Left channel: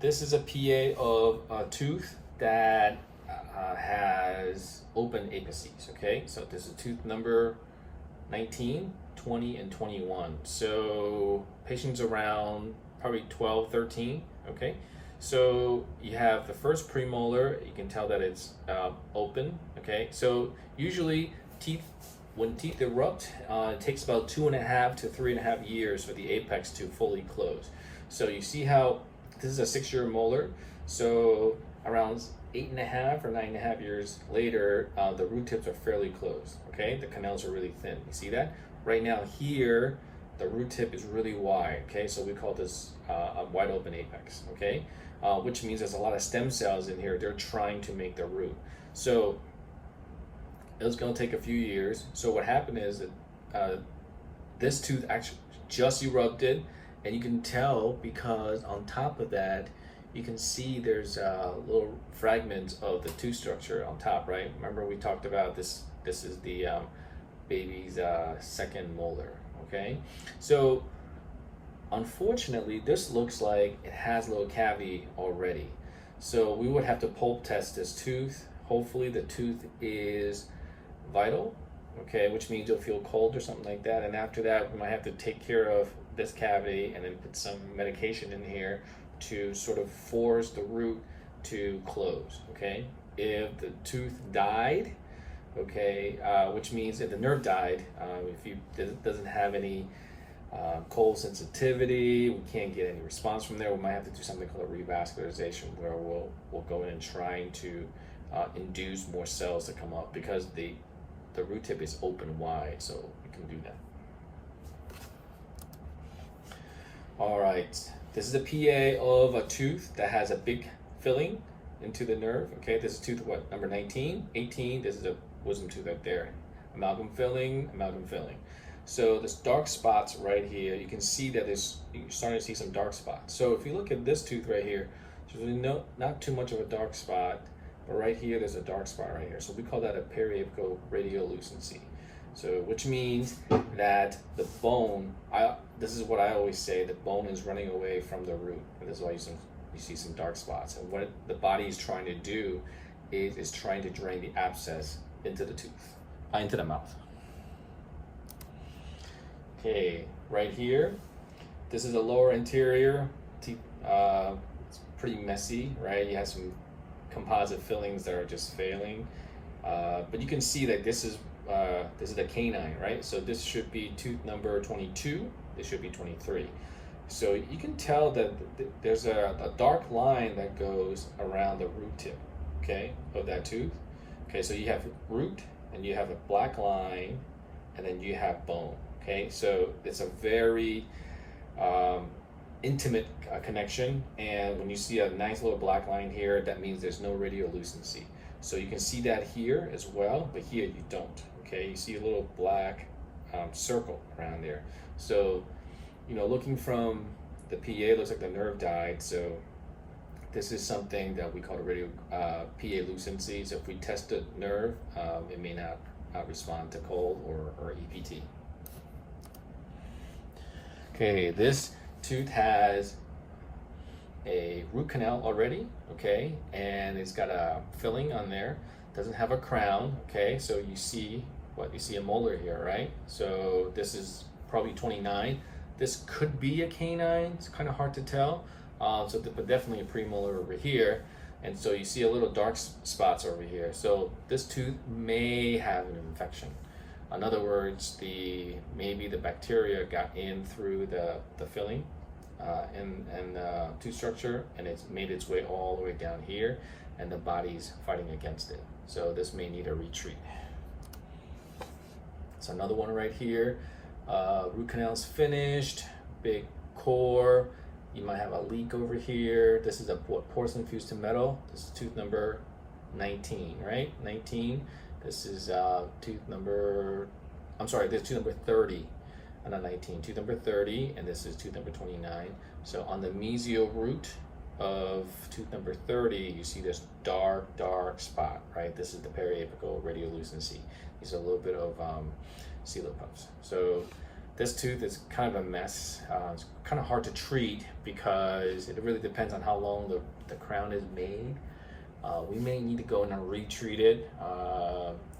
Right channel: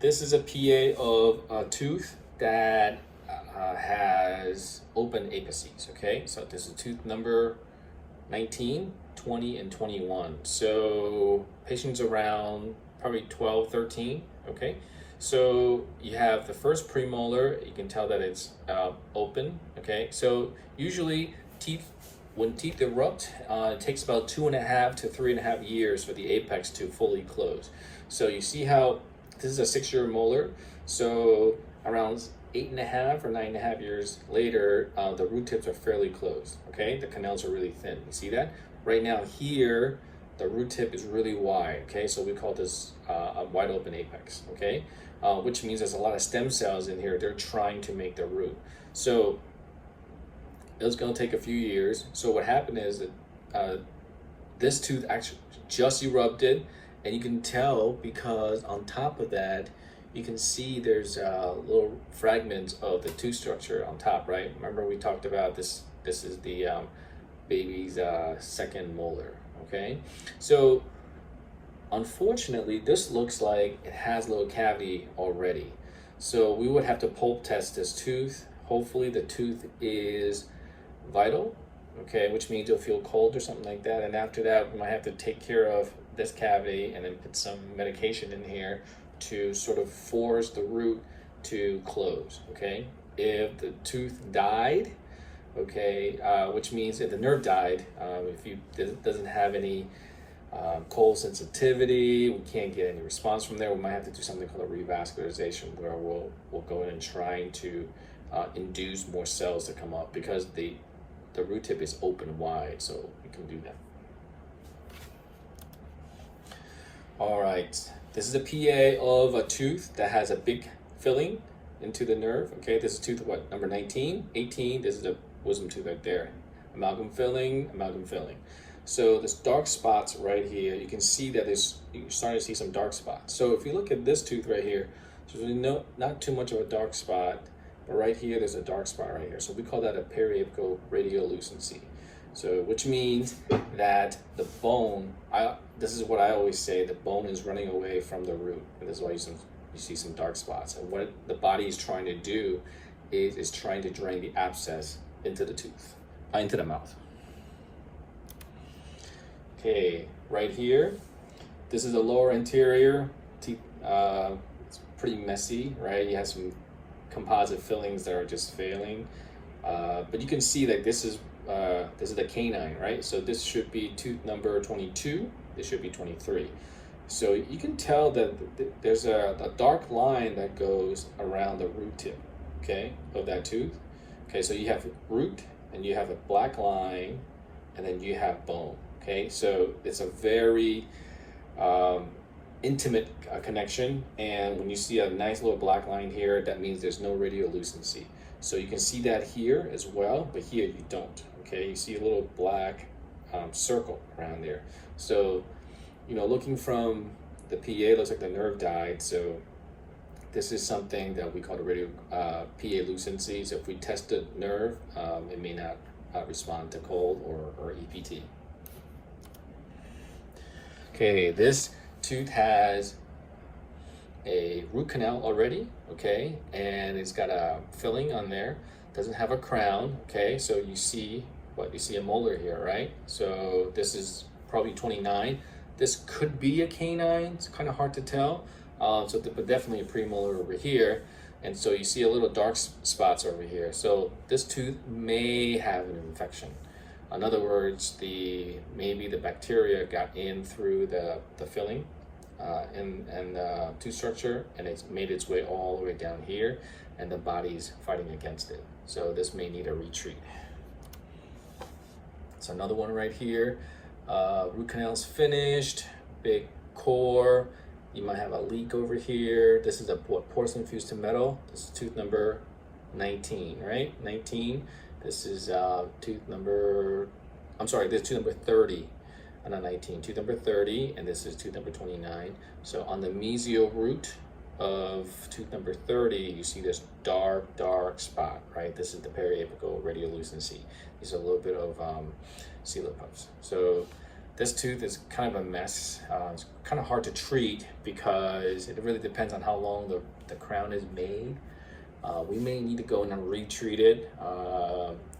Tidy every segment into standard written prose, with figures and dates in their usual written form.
This is a PA of a tooth that has open apices, okay? So this is tooth number 19, 20, and 21. So patients around probably 12, 13, okay? So you have the first premolar, you can tell that it's open, okay? So usually when teeth erupt, it takes about 2.5 to 3.5 years for the apex to fully close. So you see how this is a 6-year molar, so around 8.5 or 9.5 years later, the root tips are fairly closed, okay? The canals are really thin, you see that? Right now here, the root tip is really wide, okay? So we call this a wide open apex, okay? Which means there's a lot of stem cells in here. They're trying to make the root. So it's gonna take a few years. So what happened is that this tooth actually just erupted, and you can tell because on top of that, you can see there's little fragments of the tooth structure on top, right? Remember we talked about this. This is the baby's second molar, okay? So unfortunately, this looks like it has a little cavity already. So we would have to pulp test this tooth. Hopefully the tooth is vital, okay, which means you'll feel cold or something like that. And after that, we might have to take care of this cavity and then put some medication in here to sort of force the root to close, okay? If the tooth died, okay, which means if the nerve died, if it doesn't have any cold sensitivity, we can't get any response from there, we might have to do something called a revascularization, where we'll go in and trying to induce more cells to come up, because the root tip is open wide, so we can do that. All right, this is a PA of a tooth that has a big filling into the nerve, okay? This is tooth, what, number 19, 18, this is a wisdom tooth right there. Amalgam filling, amalgam filling. So this dark spots right here, you can see that you're starting to see some dark spots. So if you look at this tooth right here, there's really not too much of a dark spot, but right here, there's a dark spot right here. So we call that a periapical radiolucency. So, which means that the bone, this is what I always say, the bone is running away from the root. And this is why you see some dark spots. And what the body is trying to do is trying to drain the abscess into the tooth, into the mouth. Okay, right here, this is the lower anterior teeth. It's pretty messy, right? You have some composite fillings that are just failing, but you can see that this is the canine, right? So this should be tooth number 22. This should be 23. So you can tell that there's a dark line that goes around the root tip, okay, of that tooth. Okay, so you have root, and you have a black line, and then you have bone. Okay, so it's a very intimate connection, and when you see a nice little black line here, that means there's no radiolucency. So you can see that here as well, but here you don't. Okay, you see a little black circle around there. So, you know, looking from the PA, looks like the nerve died. So this is something that we call the PA lucency. So if we test the nerve, it may not respond to cold or EPT. Okay, this tooth has a root canal already, okay, and it's got a filling on there. Doesn't have a crown, okay, so you see a molar here, right? So this is probably 29. This could be a canine. It's kind of hard to tell. But definitely a premolar over here, and so you see a little dark spots over here. So this tooth may have an infection. In other words, maybe the bacteria got in through the filling and the tooth structure, and it's made its way all the way down here, and the body's fighting against it. So this may need a retreat. So another one right here. Root canal's finished, big core. You might have a leak over here. This is a porcelain fused to metal. This is tooth number 19, right? 19. This is tooth number 30, and not 19. Tooth number 30, and this is tooth number 29. So on the mesial root of tooth number 30, you see this dark spot, right? This is the periapical radiolucency. These are a little bit of coelopuffs. So this tooth is kind of a mess. It's kind of hard to treat because it really depends on how long the crown is made. We may need to go in and retreat it.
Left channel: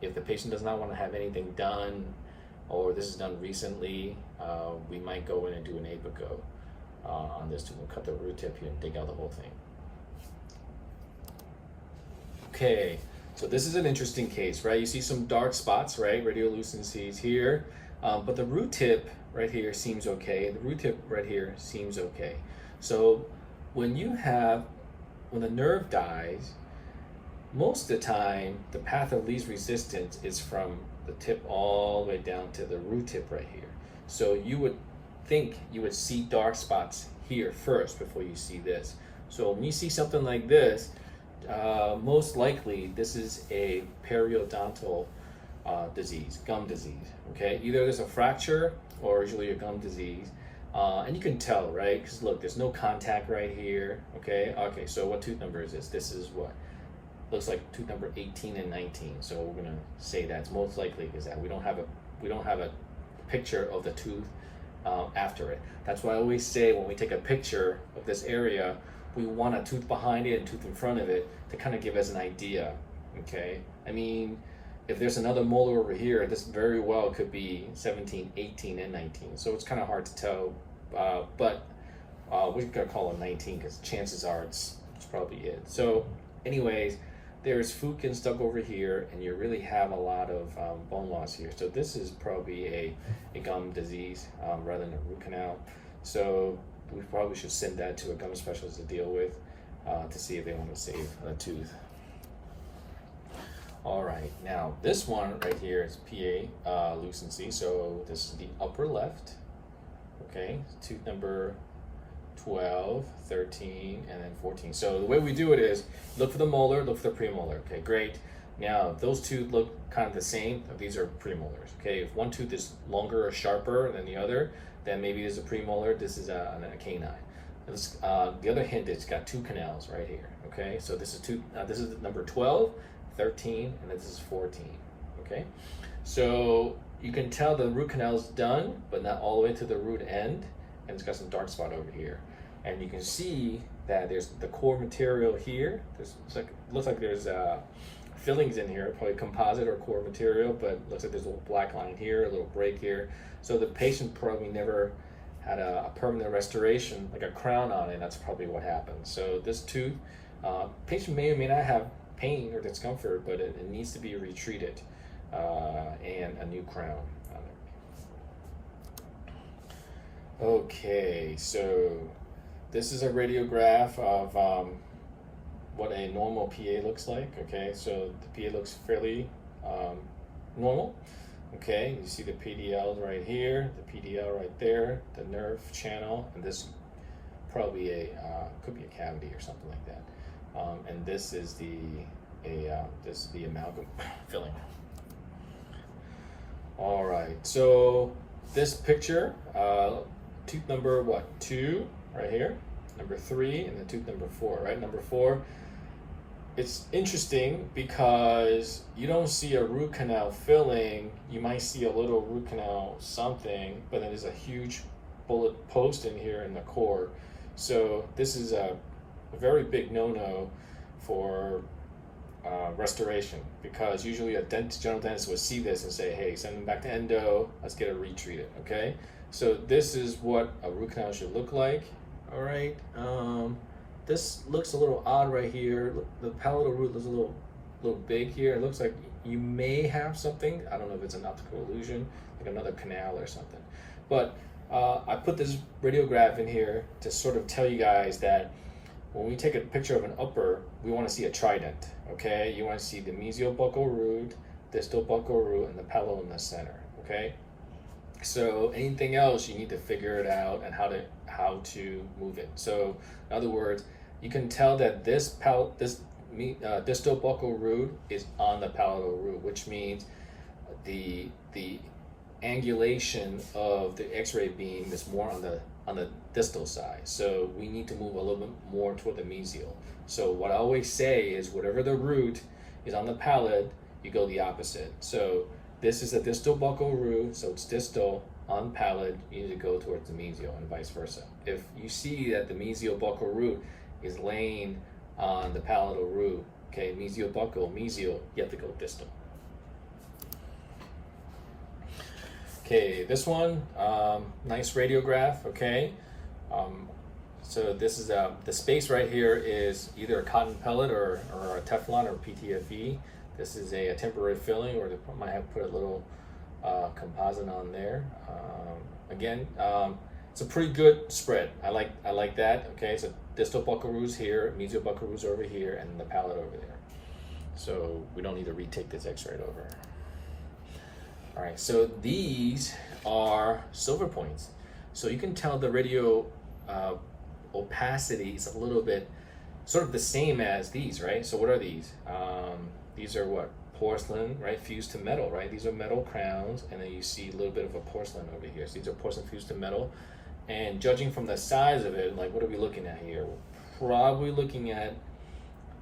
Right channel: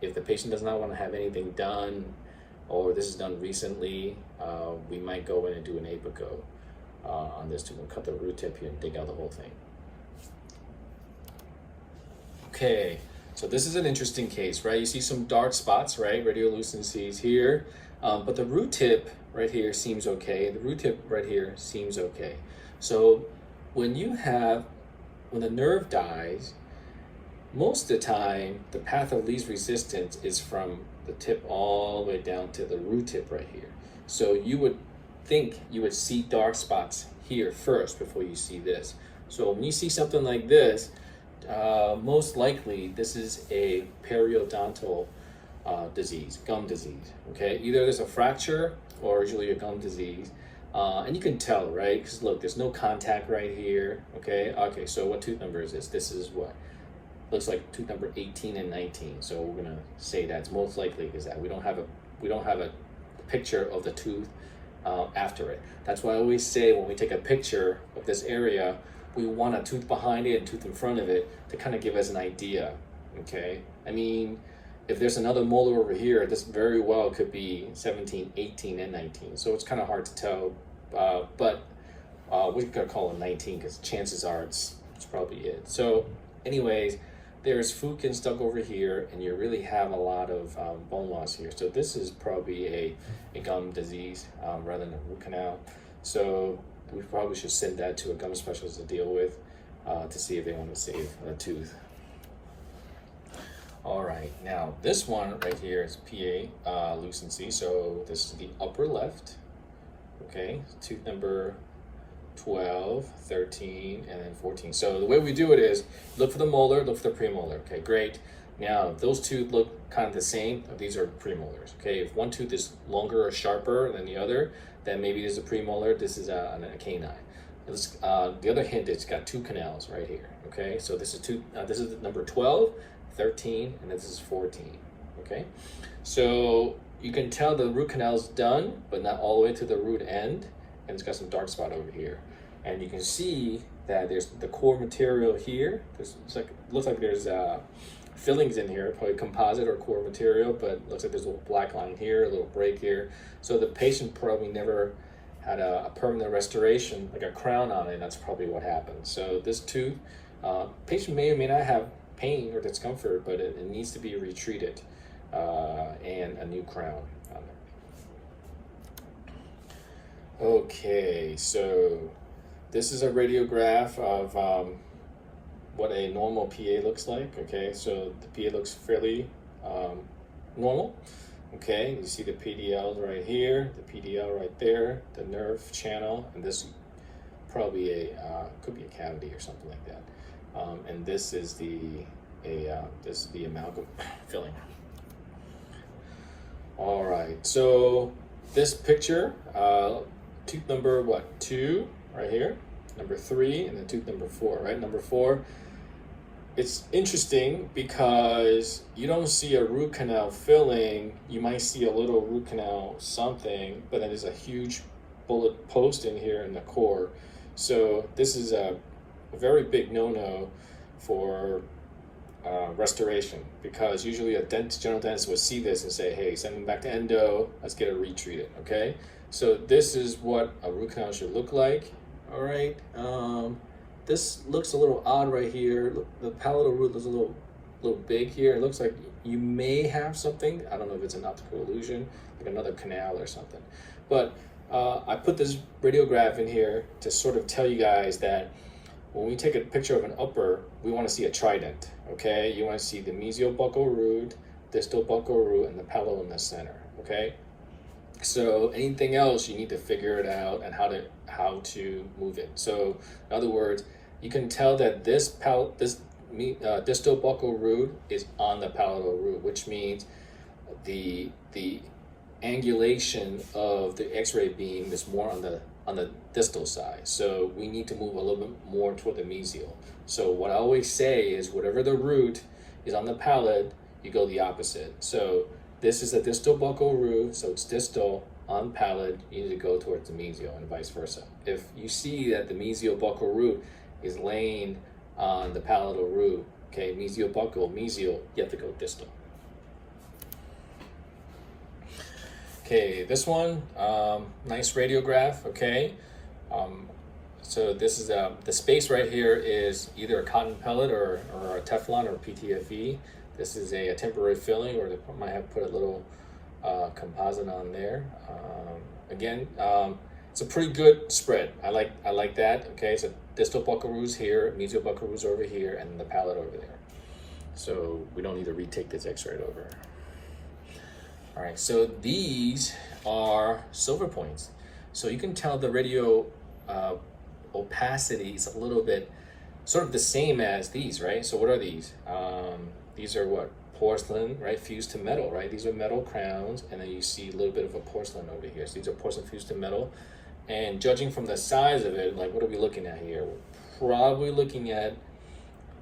If the patient does not want to have anything done, or this is done recently, we might go in and do an apico on this tooth and cut the root tip here and dig out the whole thing. Okay, so this is an interesting case, right? You see some dark spots, right? Radiolucencies here, but the root tip right here seems okay. The root tip right here seems okay. So when the nerve dies, most of the time, the path of least resistance is from the tip all the way down to the root tip right here. So you would think you would see dark spots here first before you see this. So when you see something like this, most likely this is a periodontal disease, gum disease, okay? Either there's a fracture or usually a gum disease. And you can tell, right? Because look, there's no contact right here, okay? Okay, so what tooth number is this? This is what? Looks like tooth number 18 and 19. So we're gonna say that's most likely because that we don't have a picture of the tooth after it. That's why I always say when we take a picture of this area, we want a tooth behind it and tooth in front of it to kind of give us an idea, okay? I mean, if there's another molar over here, this very well could be 17, 18, and 19. So it's kind of hard to tell, but we're gonna call it 19 because chances are it's probably it. So anyways, there's Fukin stuck over here, and you really have a lot of bone loss here. So this is probably a gum disease rather than a root canal. So we probably should send that to a gum specialist to deal with to see if they want to save a tooth. All right, now this one right here is PA lucency. So this is the upper left, okay? Tooth number 12, 13, and then 14. So the way we do it is look for the molar, look for the premolar. Okay, great. Now those two look kind of the same. These are premolars. Okay, if one tooth is longer or sharper than the other, then maybe this is a premolar. This is a canine. The other hint is it's got two canals right here. Okay, so this is this is number 12, 13, and this is 14. Okay, so you can tell the root canal is done, but not all the way to the root end, and it's got some dark spot over here. And you can see that there's the core material here. Looks like there's fillings in here, probably composite or core material, but looks like there's a little black line here, a little break here. So the patient probably never had a permanent restoration, like a crown on it. That's probably what happened. So this tooth, patient may or may not have pain or discomfort, but it needs to be retreated and a new crown on there. Okay, so this is a radiograph of what a normal PA looks like. Okay, so the PA looks fairly normal. Okay, you see the PDL right here, the PDL right there, the nerve channel, and this probably could be a cavity or something like that. And this is the amalgam filling. All right, so this picture, tooth number 2 right here, number 3, and then tooth number 4, right? Number 4, it's interesting because you don't see a root canal filling. You might see a little root canal something, but then there's a huge bullet post in here in the core. So this is a very big no-no for restoration, because usually a general dentist would see this and say, hey, send them back to endo, let's get it retreated, okay? So this is what a root canal should look like. All right, this looks a little odd right here. The palatal root looks a little big here. It looks like you may have something. I don't know if it's an optical illusion, like another canal or something. But I put this radiograph in here to sort of tell you guys that when we take a picture of an upper, we want to see a trident, okay? You want to see the mesial buccal root, distal buccal root, and the palatal in the center, okay? So anything else, you need to figure it out and how to move it. So in other words, you can tell that this distal buccal root is on the palatal root, which means the angulation of the X-ray beam is more on the distal side. So we need to move a little bit more toward the mesial. So what I always say is whatever the root is on the palate, you go the opposite. So this is the distal buccal root, so it's distal on palate, you need to go towards the mesial and vice versa. If you see that the mesial-buccal root is laying on the palatal root, okay, mesial-buccal, mesial, you have to go distal. Okay, this one, nice radiograph, okay. So this is the space right here is either a cotton pellet or a Teflon or PTFE. This is a temporary filling, or they might have put a little composite on there. Again, it's a pretty good spread. I like that. Okay, so distal buccal roots here, mesial buccal roots over here, and the palate over there. So we don't need to retake this X-ray over. All right, so these are silver points. So you can tell the radio opacity is a little bit sort of the same as these, right? So what are these? These are what? Porcelain, right? Fused to metal, right? These are metal crowns, and then you see a little bit of a porcelain over here. So these are porcelain fused to metal. And judging from the size of it, like what are we looking at here? We're probably looking at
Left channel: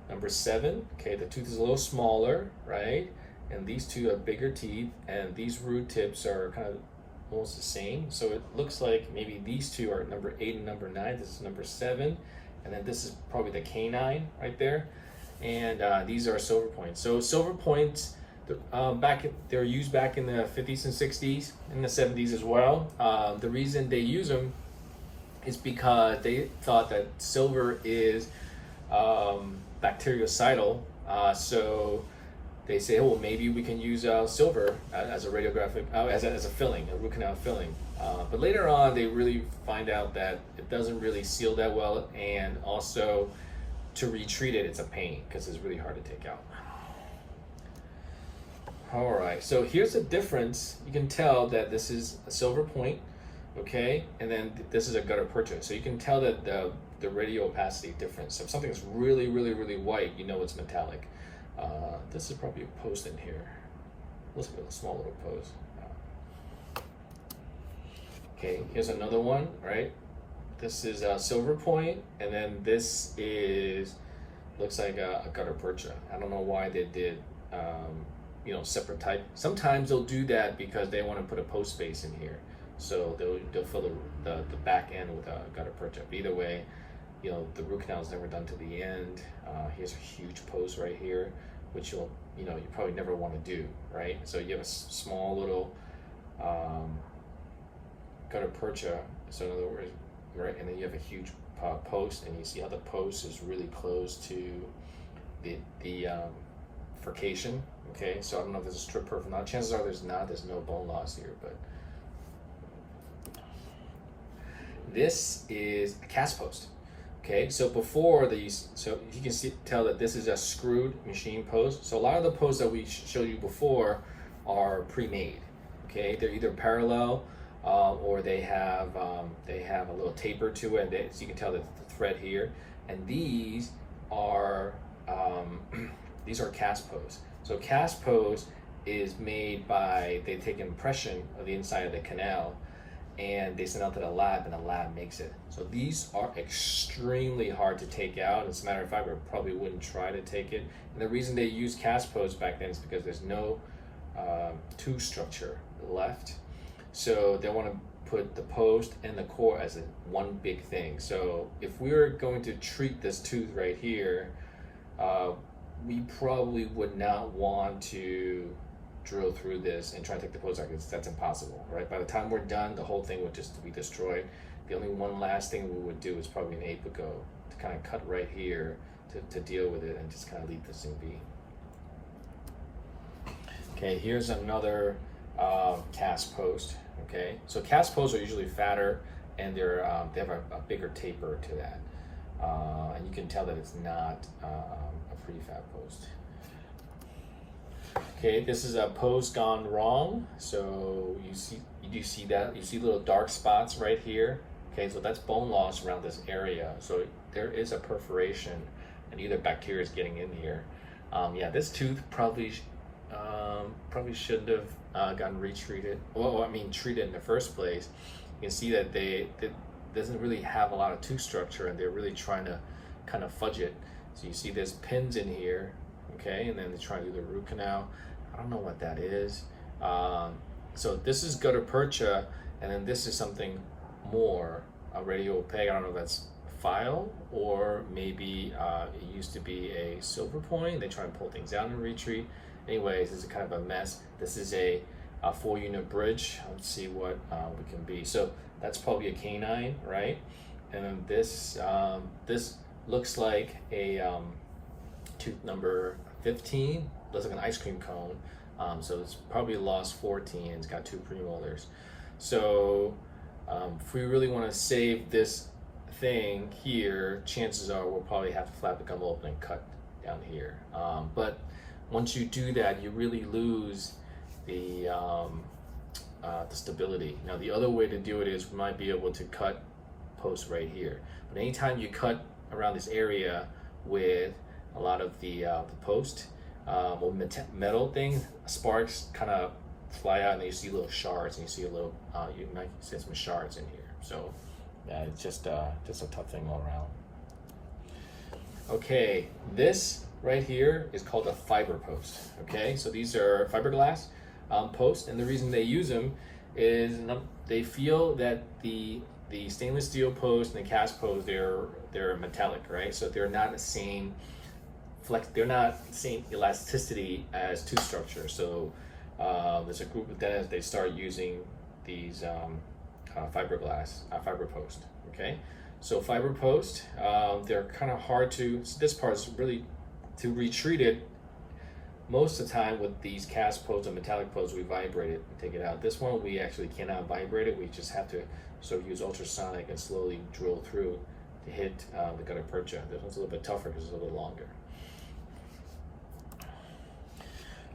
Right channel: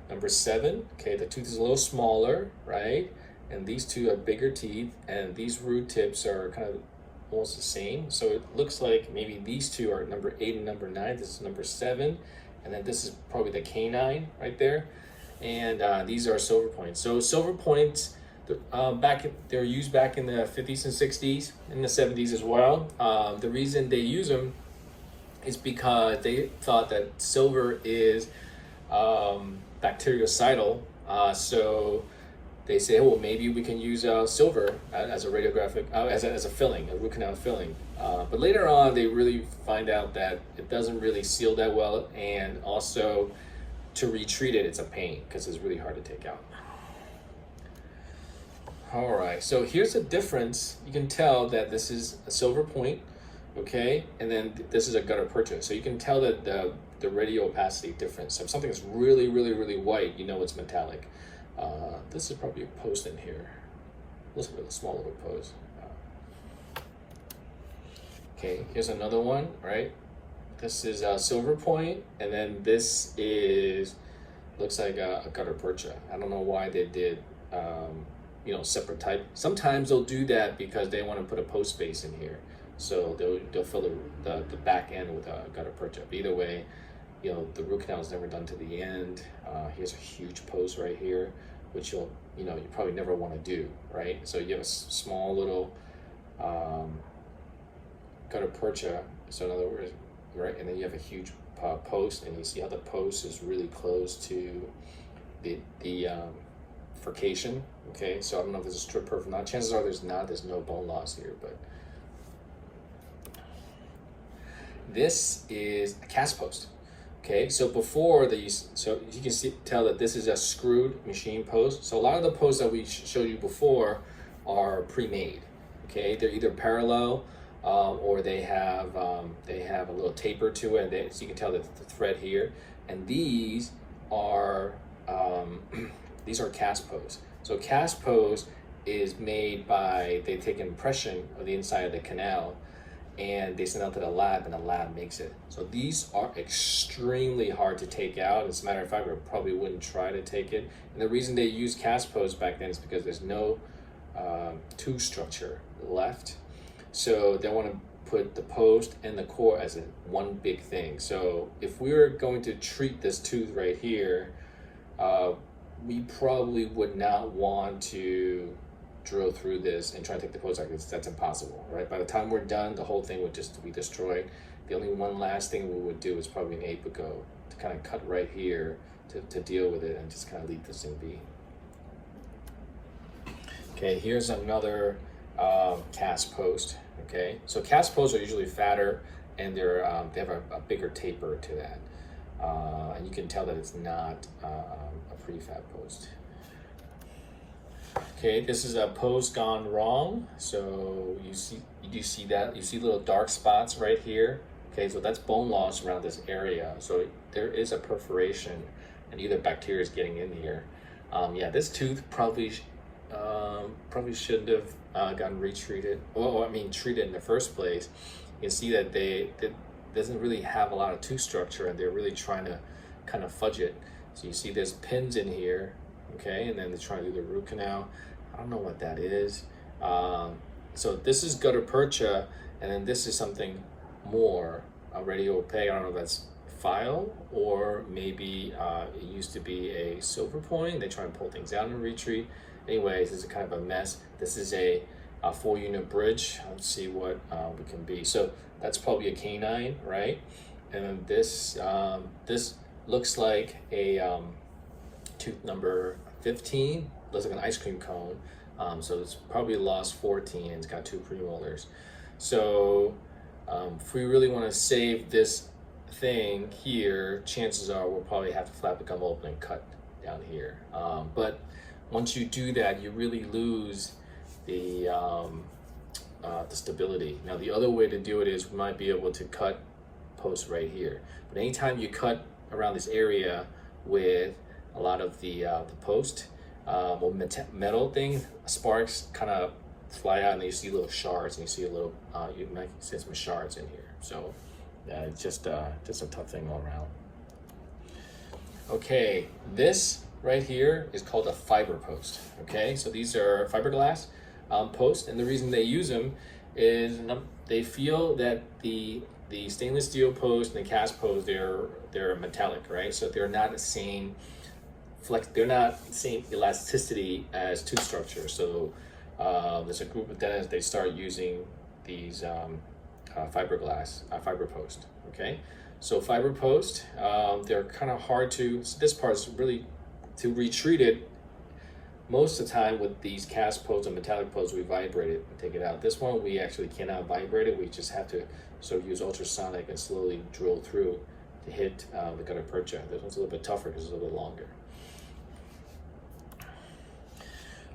number 7. Okay, the tooth is a little smaller, right? And these two have bigger teeth, and these root tips are kind of almost the same. So it looks like maybe these two are number 8 and number 9. This is number 7, and then this is probably the canine right there. And these are silver points. So silver points, they were used back in the 50s and 60s, in the 70s as well. The reason they use them is because they thought that silver is bactericidal. So they say, well, maybe we can use silver as a radiographic, as a filling, a root canal filling. But later on, they really find out that it doesn't really seal that well, and also to retreat it, it's a pain because it's really hard to take out. All right, so here's the difference. You can tell that this is a silver point, okay, and then this is a gutta percha. So you can tell that the radio opacity difference. So if something's really, really, really white, you know it's metallic. This is probably a post in here. Looks like a small little post. Okay, here's another one, right? This is a silver point, and then this looks like a gutta percha. I don't know why they did, separate type. Sometimes they'll do that because they want to put a post space in here. So they'll fill the back end with a gutta percha. But either way, the root canal is never done to the end. Here's a huge post right here, which you probably never want to do, right? So you have a small little gutta percha. So in other words, right, and then you have a huge post, and you see how the post is really close to the furcation. Okay, so I don't know if this is strip perf or not. Chances are there's no bone loss here, but this is a cast post. Okay, so before so you can tell that this is a screwed machine post. So a lot of the posts that we showed you before are pre-made. Okay, they're either parallel or they have a little taper to it, and so you can tell that the thread here. And these are cast posts. So cast post is made by, they take an impression of the inside of the canal, and they send out to the lab, and the lab makes it. So these are extremely hard to take out. As a matter of fact, we probably wouldn't try to take it. And the reason they used cast posts back then is because there's no tooth structure left. So they want to put the post and the core as one big thing. So if we were going to treat this tooth right here, we probably would not want to drill through this and try to take the post out. That's impossible, right? By the time we're done, the whole thing would just be destroyed. The only one last thing we would do is probably an apico to kind of cut right here to deal with it and just kind of leave this thing be. Okay, here's another cast post. Okay, so cast posts are usually fatter, and they have a bigger taper to that, and you can tell that it's not a prefab post. Okay, this is a post gone wrong. So you see that you see little dark spots right here. Okay, so that's bone loss around this area. So there is a perforation, and either bacteria is getting in here. Yeah, this tooth probably shouldn't have gotten retreated. Well, I mean, treated in the first place. You can see that it doesn't really have a lot of tooth structure, and they're really trying to kind of fudge it. So you see there's pins in here, okay, and then they're trying to do the root canal. I don't know what that is. So this is gutta percha, and then this is something more radio opaque. I don't know if that's file or maybe it used to be a silver point. They try and pull things out in retreat. Anyways, this is kind of a mess. This is a 4-unit bridge. Let's see what we can be. So that's probably a canine, right? And then this this looks like a tooth number 15. Looks like an ice cream cone. So it's probably lost 14. It's got 2 premolars. So if we really want to save this thing here, chances are we'll probably have to flap the gum open and cut down here. But once you do that, you really lose the stability. Now the other way to do it is we might be able to cut post right here. But anytime you cut around this area with a lot of the post or metal thing, sparks kind of fly out and you see little shards and you see a little you might see some shards in here. So it's just a tough thing all around. Okay, this right here is called a fiber post. Okay, so these are fiberglass posts, and the reason they use them is they feel that the stainless steel post and the cast post, they're metallic, right? So they're not the same they're not the same elasticity as tooth structure. So there's a group of dentists, they start using these fiberglass fiber post. Okay, so fiber post, they're kind of hard to. So this part is really to retreat it. Most of the time with these cast posts and metallic posts, we vibrate it and take it out. This one we actually cannot vibrate it. We just have to sort of use ultrasonic and slowly drill through to hit the gutta percha. This one's a little bit tougher because it's a little bit longer.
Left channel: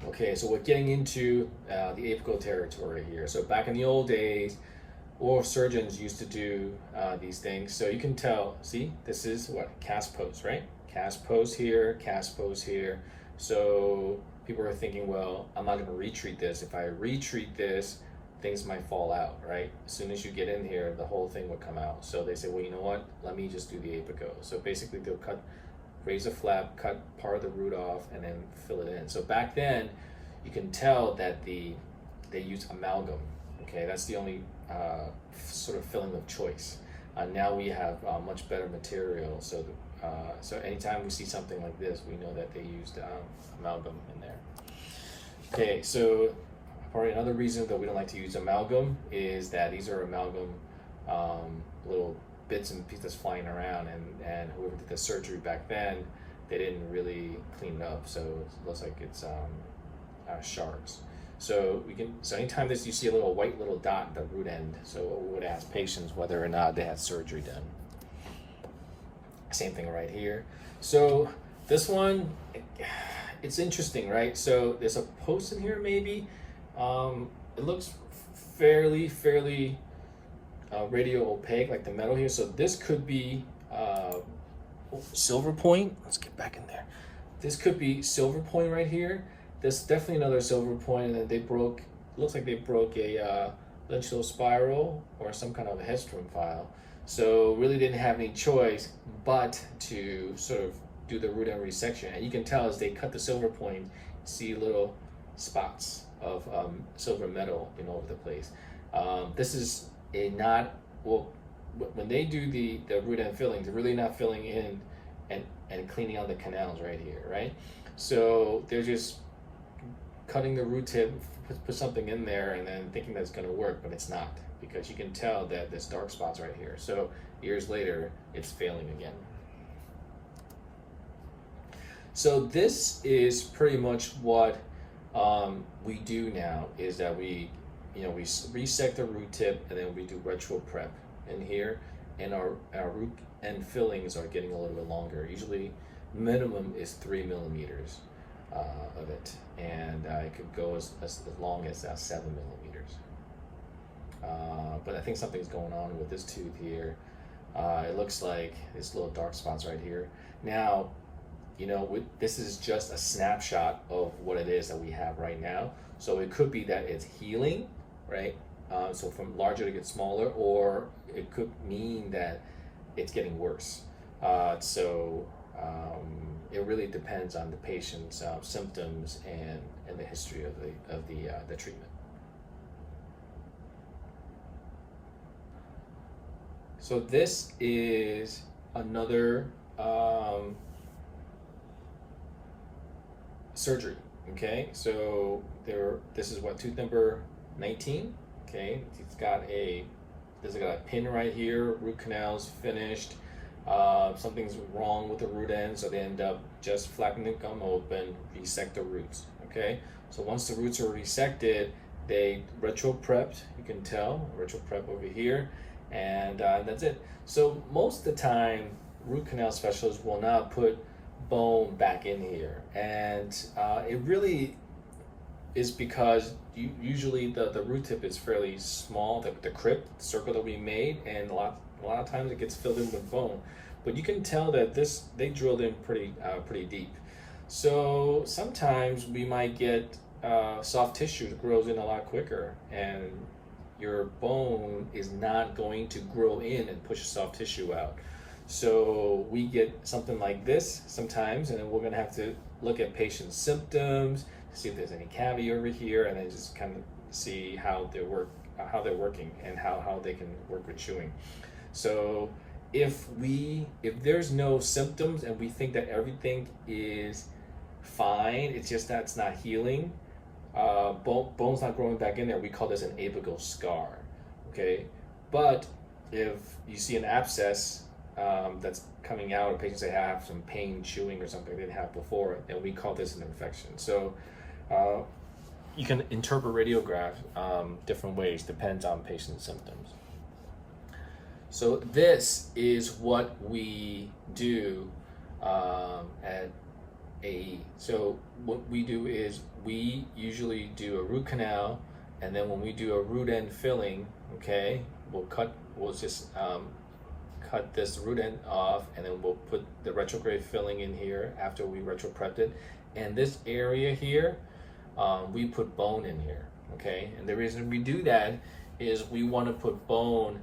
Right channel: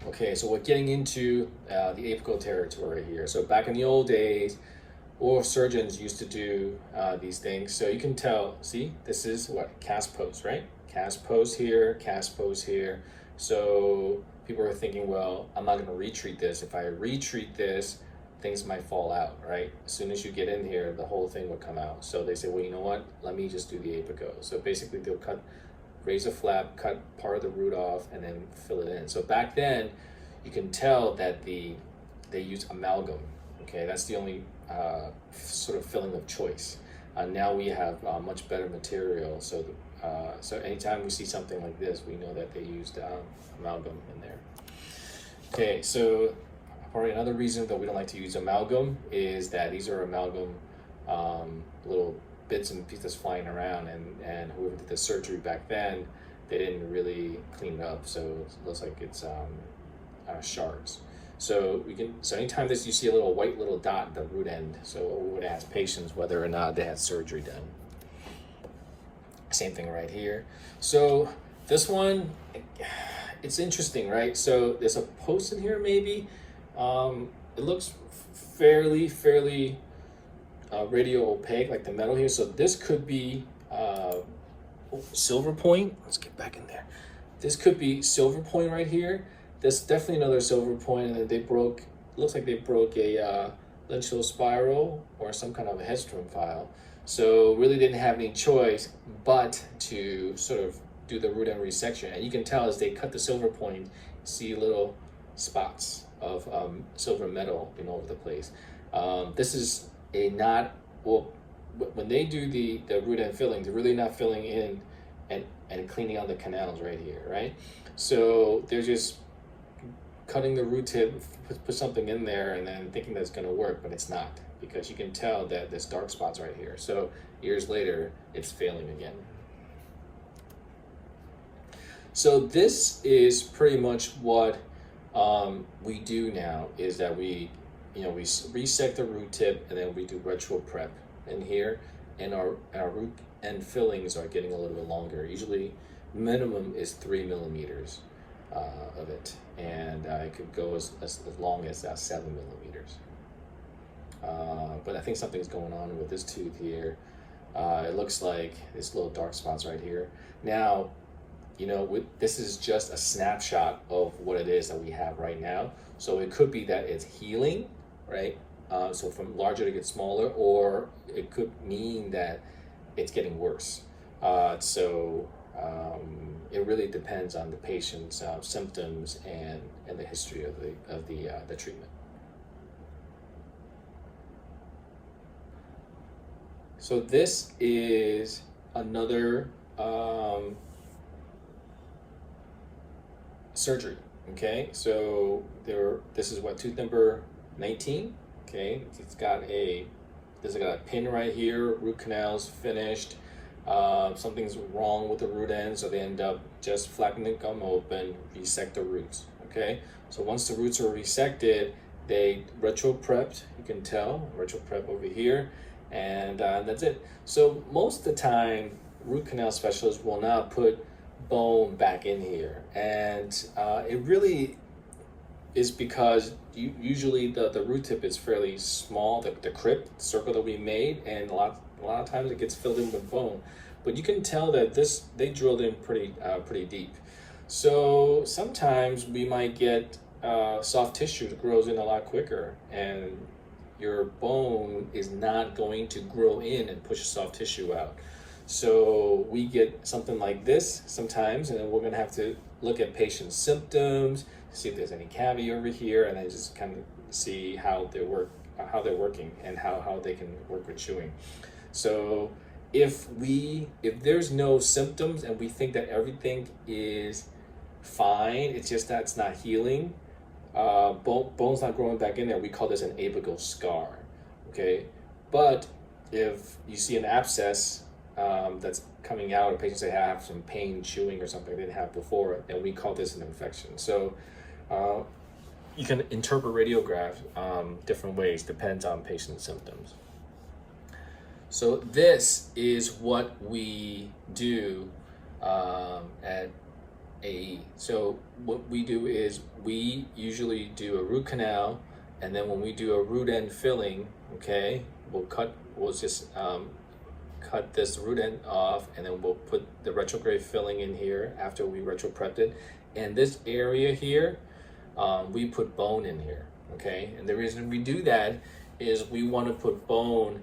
Okay, so we're getting into the apical territory here. So back in the old days, oral surgeons used to do these things. So you can tell, see, this is what? Cast post, right? Cast post here, cast post here. So people are thinking, well, I'm not going to retreat this. If I retreat this, things might fall out, right? As soon as you get in here, the whole thing will come out. So they say, well, you know what? Let me just do the apical. So basically they'll raise a flap, cut part of the root off, and then fill it in. So back then, you can tell that they use amalgam. Okay, that's the only sort of filling of choice. Now we have much better material. So so anytime we see something like this, we know that they used amalgam in there. Okay, so probably another reason that we don't like to use amalgam is that these are amalgam little bits and pieces flying around, and whoever did the surgery back then, they didn't really clean it up, so it looks like it's shards. So anytime you see a white little dot at the root end, so we would ask patients whether or not they had surgery done. Same thing right here. So this one, it's interesting, right? So there's a post in here maybe. It looks fairly radio opaque, like the metal here. So this could be silver point. Let's get back in there. This could be silver point right here. There's definitely another silver point, and then they broke. Looks like they broke a lentil spiral or some kind of a headstrom file. So really didn't have any choice but to sort of do the root end resection. And you can tell as they cut the silver point, see little spots of silver metal all over the place. This is when they do the root end filling, they're really not filling in and cleaning out the canals right here, right? So they're just cutting the root tip, put something in there, and then thinking that's going to work, but it's not, because you can tell that there's dark spots right here. So years later, it's failing again. So this is pretty much what we do now, is that we resect the root tip, and then we do retro prep in here, and our root end fillings are getting a little bit longer. Usually minimum is 3 millimeters of it, and it could go as long as 7 millimeters. But I think something's going on with this tooth here. It looks like there's little dark spots right here. Now, this is just a snapshot of what it is that we have right now. So it could be that it's healing, right? So from larger to get smaller, or it could mean that it's getting worse. It really depends on the patient's symptoms and the history of the treatment. So this is another surgery. Okay, so this is what, tooth number 19. Okay, there's got a pin right here. Root canal's finished. Something's wrong with the root end, so they end up just flapping the gum open, resect the roots. Okay, so once the roots are resected, they retro prepped. You can tell retro prep over here, and that's it. So most of the time, root canal specialists will not put bone back in here, and it really is because usually the root tip is fairly small, the crypt, the circle that we made, and a lot of times it gets filled in with bone. But you can tell that they drilled in pretty deep. So sometimes we might get soft tissue that grows in a lot quicker, and your bone is not going to grow in and push soft tissue out. So we get something like this sometimes, and then we're gonna have to look at patient symptoms, see if there's any cavity over here, and then just kind of see how they're working, and how they can work with chewing. So if there's no symptoms and we think that everything is fine, it's just that it's not healing, bone's not growing back in there, we call this an apical scar. Okay, but if you see an abscess that's coming out, or patients that have some pain chewing or something they didn't have before, then we call this an infection. So you can interpret radiograph different ways, depends on patient symptoms. So this is what we do at AE. So what we do is we usually do a root canal, and then when we do a root end filling, okay, we'll just cut this root end off, and then we'll put the retrograde filling in here after we retro prepped it. And this area here, we put bone in here, okay? And the reason we do that is we want to put bone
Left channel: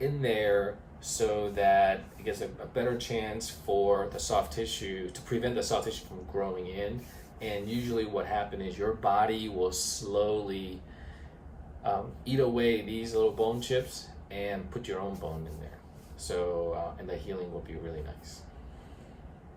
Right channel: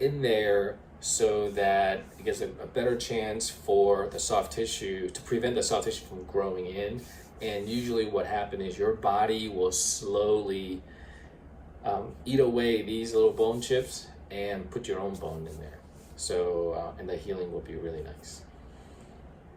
in there so that it gives a better chance for the soft tissue, to prevent the soft tissue from growing in. And usually what happens is your body will slowly eat away these little bone chips and put your own bone in there. So, and the healing will be really nice.